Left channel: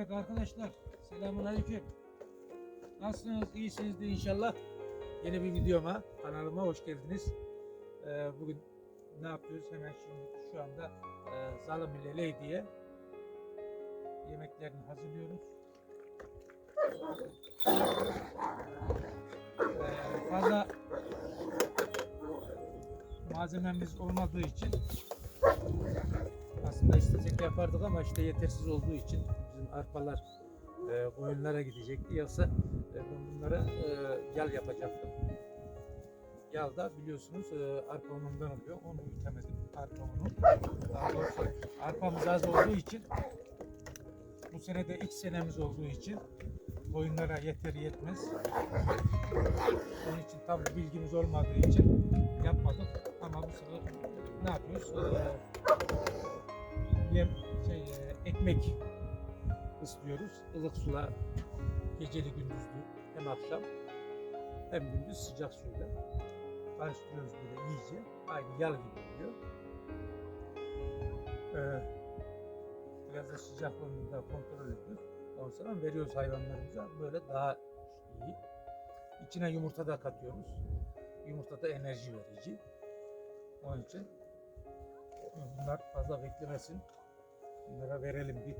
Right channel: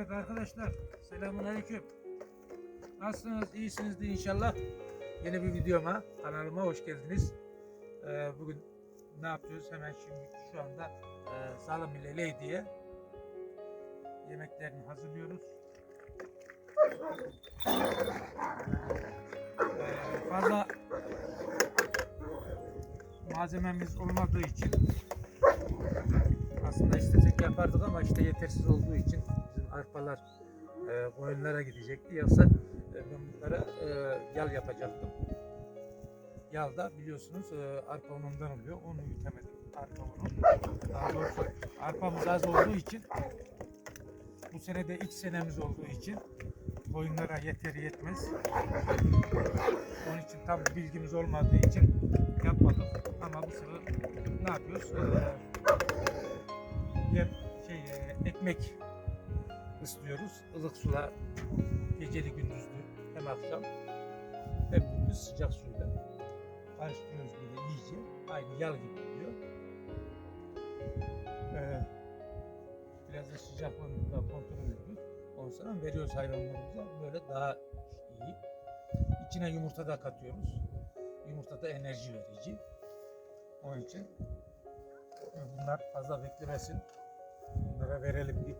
Evet arkadaşlar, selamun aleyküm. Nasılsınız? İyisinizdir inşallah. Yeni bir videoma, kanalıma hoş geldiniz. Ee, bugün ne yapıyoruz? Hemen şimdi şu anda e, Zalım ile Lady'ye yemeklerini hazırlıyoruz. Ee, fazla malzememiz olmadığı için aslında istesek yapardık ama işte yetersiz olduğu için arpalar e, koyunlara gidecekti. Yoksa e, ben bunlara e, yal yapacaktım. Yal da biliyorsunuz e, arpa unundan oluyor. Onu ütemedim. Arpa unu. Daha doğrusu arpamız az olduğu için bu sene de ilk senemiz olduğu için koyunlara yeter yetmez. Onun için tam bilgimiz olmadığı için yapmadık. Ama bu sefer ne yapıyoruz? Ee, yem şey e, ekmek ıslıyoruz. Ilık sula geceli gündüzlü hem akşam hem gündüz sıcak suyla karıştırıyoruz böyle iyice. Aynı yal gibi oluyor. Ee, biraz da sıcaklığını da kontrol ediyoruz. Ondan sonra veriyoruz hayvanlarımıza. Böyle daha iyi. İçine yumurta da katıyoruz. Yumurta da enerji verici. Onun için bunlar fazla beklemesin. Bunlara verelim bir.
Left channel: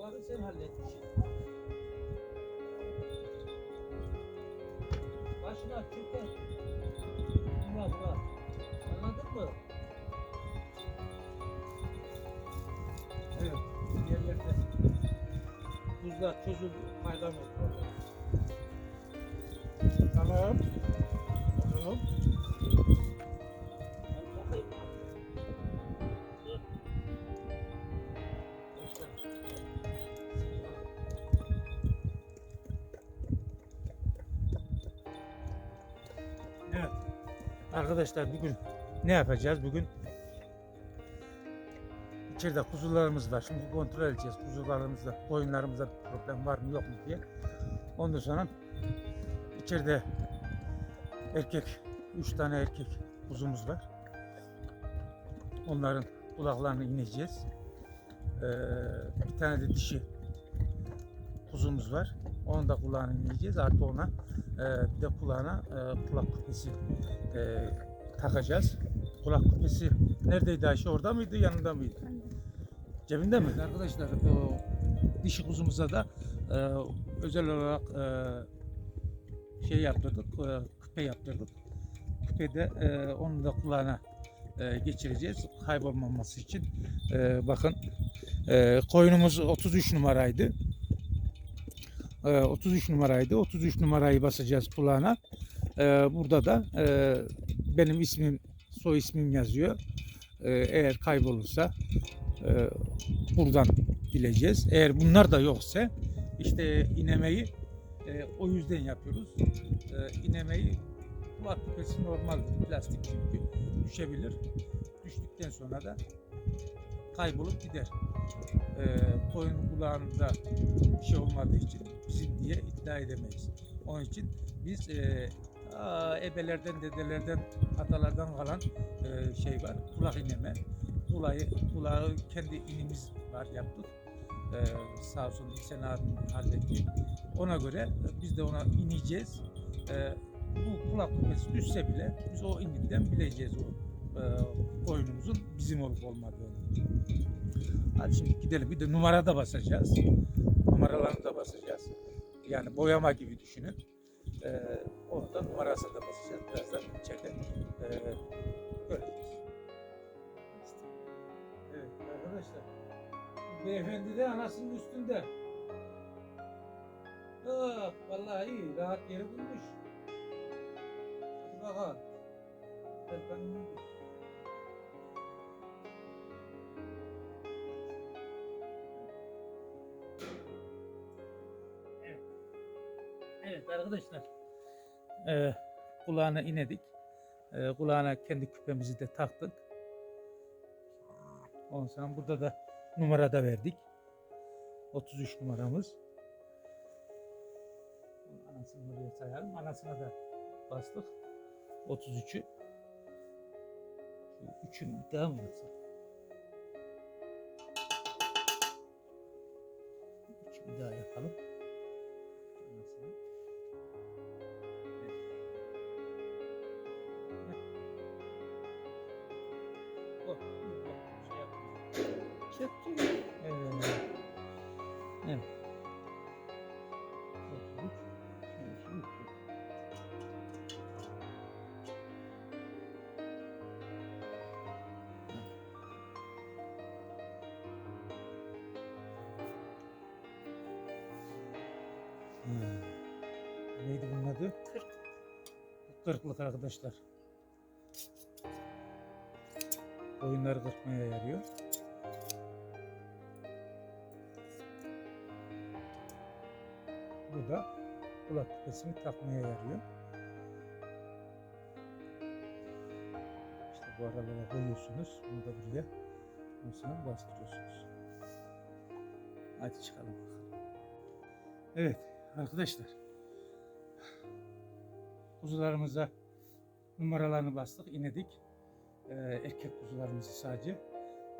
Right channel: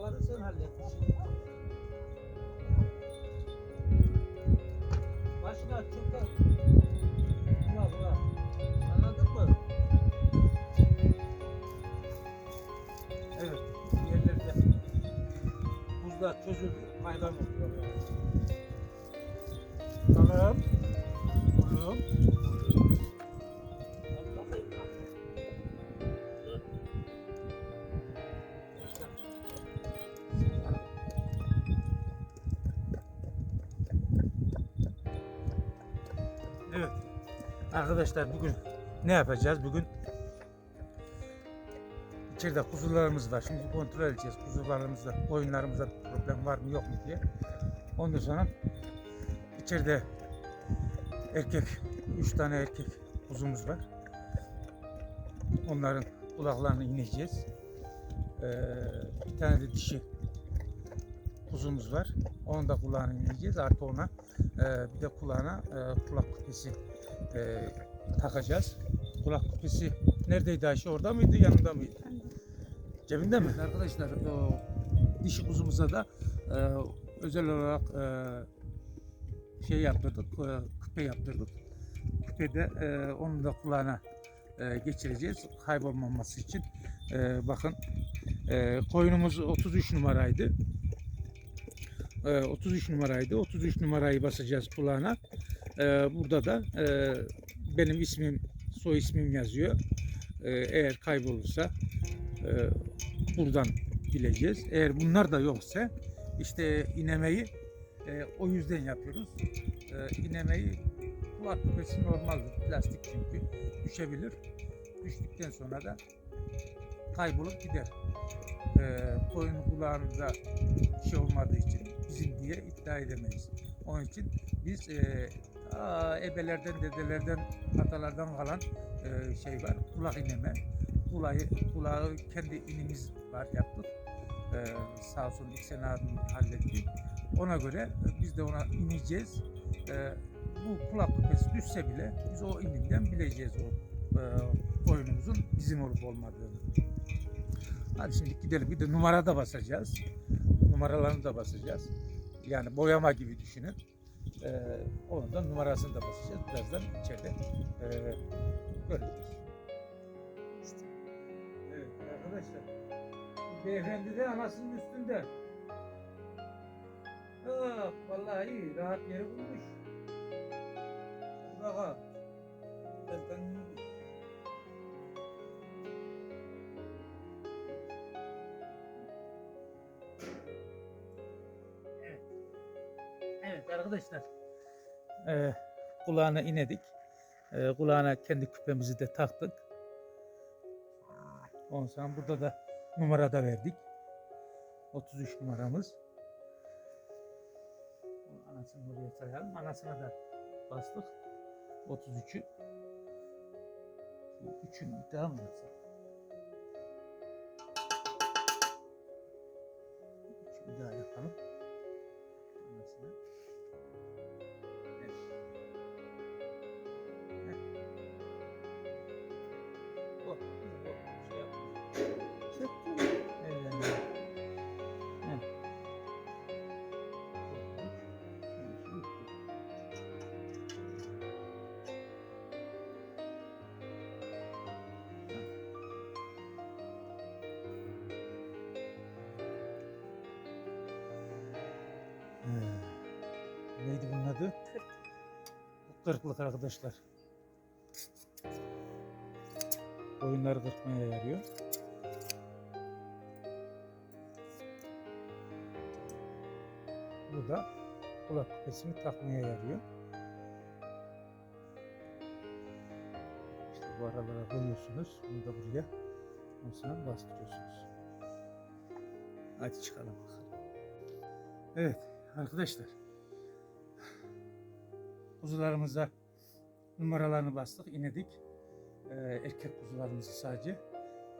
Tahtaları sen halletmişsin. Başına çöpe. Buna buna. Anladın mı? Evet. Yerlerde buzlar çözüldü. Kaygan oldu vallahi. Tamam. Oğlum. Al Arkadaşlar bugün ne yapacağız? Bugün içeride kuzularımız var. Şimdi kontrol edeceğiz kuzularımızda, koyunlarımızda problem var mı yok mu diye. Ondan sonra içeride erkek, üç tane erkek kuzumuz var. Onların kulaklarını ineceğiz. Ee, bir tane de dişi kuzumuz var. Onun da kulağını ineceğiz. Artı ona e, bir de kulağına e, kulak küpesi e, takacağız. Kulak küpesi neredeydi Ayşe? Orada mıydı? Yanında mıydı? Cebinde mi? Evet arkadaşlar o dişi kuzumuza da e, özel olarak e, şey yaptırdık, e, küpe yaptırdık. Küpede e, onu da kulağına e, geçireceğiz kaybolmaması için. E, bakın e, koyunumuz 33 numaraydı. E, 33 numaraydı. 33 numarayı basacağız kulağına. E, burada da e, benim ismim, soy ismim yazıyor. E, eğer kaybolursa e, buradan bileceğiz. Eğer bunlar da yoksa işte inemeyi e, o yüzden yapıyoruz. E, inemeyi kulak küpesi normaldir. Plastik çünkü düşebilir. Düştükten sonra da kaybolup gider. Koyun kulağında şey olmadığı için bizim diye iddia edemeyiz. Onun için biz e, ta ebelerden, dedelerden, atalardan kalan e, şey var. Kulak ineme. Kulağı, kulağı kendi inimiz var yaptık. Ee, sağ olsun İhsan abim halletti. Ona göre biz de ona ineceğiz. Ee, bu kulak küpesi düşse bile biz o ininden bileceğiz o e, koyunumuzun bizim olup olmadığını. Hadi şimdi gidelim. Bir de numara da basacağız. Numaralarını da basacağız. Yani boyama gibi düşünün. Ee, onun da numarasını da basacağız. Birazdan içeride e, göreceğiz. Evet arkadaşlar. Beyefendi de anasının üstünde. Ah vallahi iyi. Rahat yeri bulmuş. Hadi bakalım. Evet arkadaşlar. Ee, kulağına inedik. Ee, kulağına kendi küpemizi de taktık. Ondan sonra burada da numarada verdik. 33 numaramız. Anasını buraya sayalım. Anasına da bastık. 33'ü. Şu bir daha mı yapsak? Üçü daha yapalım. O, o, şey yapmıyor. Çöktü mü? Evet. Evet. Evet. Neydi bunun adı? Kırk. Bu Kırklık arkadaşlar. Oyunları kırpmaya yarıyor. Bu da kulak küpesini takmaya yarıyor. İşte bu aralara koyuyorsunuz. Bunu da buraya. Ondan bastırıyorsunuz. Hadi çıkalım bakalım. Evet arkadaşlar. Kuzularımıza numaralarını bastık, inedik. Ee, erkek kuzularımızı sadece.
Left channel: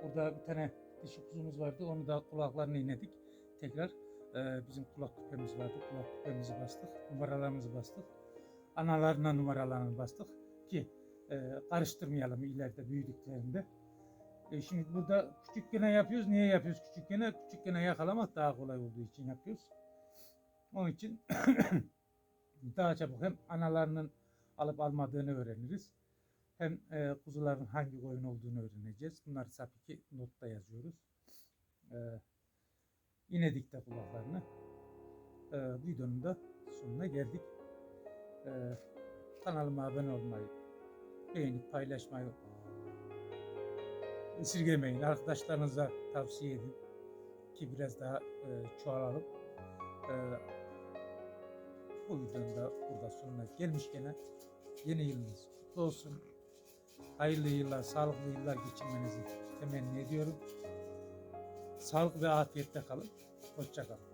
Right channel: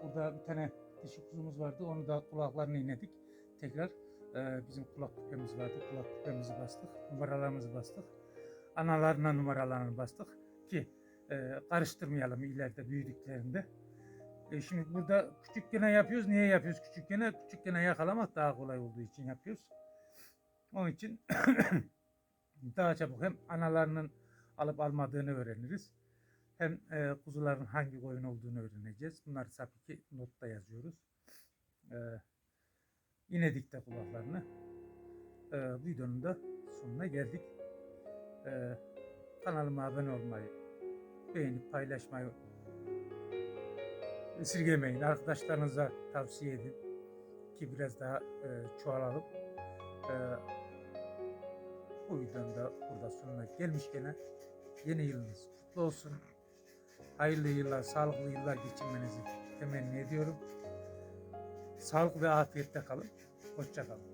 Burada bir tane dişi kuzumuz vardı. Onu da kulaklarını inedik. Tekrar ee, bizim kulak küpemiz vardı. Kulak küpemizi bastık. Numaralarımızı bastık. Analarına numaralarını bastık ki e, karıştırmayalım ileride büyüdüklerinde. E, şimdi burada küçük gene yapıyoruz. Niye yapıyoruz küçük gene? Küçük gene yakalamak daha kolay olduğu için yapıyoruz. Onun için daha çabuk hem analarının alıp almadığını öğreniriz. Hem e, kuzuların hangi koyun olduğunu öğreneceğiz. Bunları tabii ki notta yazıyoruz. E, inedik de kulaklarını. Ee, bu videonun da sonuna geldik. Ee, kanalıma abone olmayı, beğenip paylaşmayı esirgemeyin. Arkadaşlarınıza tavsiye edin ki biraz daha e, çoğalalım. Ee, bu videonun da burada sonuna gelmişken yeni yılınız kutlu olsun. Hayırlı yıllar, sağlıklı yıllar geçirmenizi temenni ediyorum. Sağlık ve afiyetle kalın. Hoşça kalın.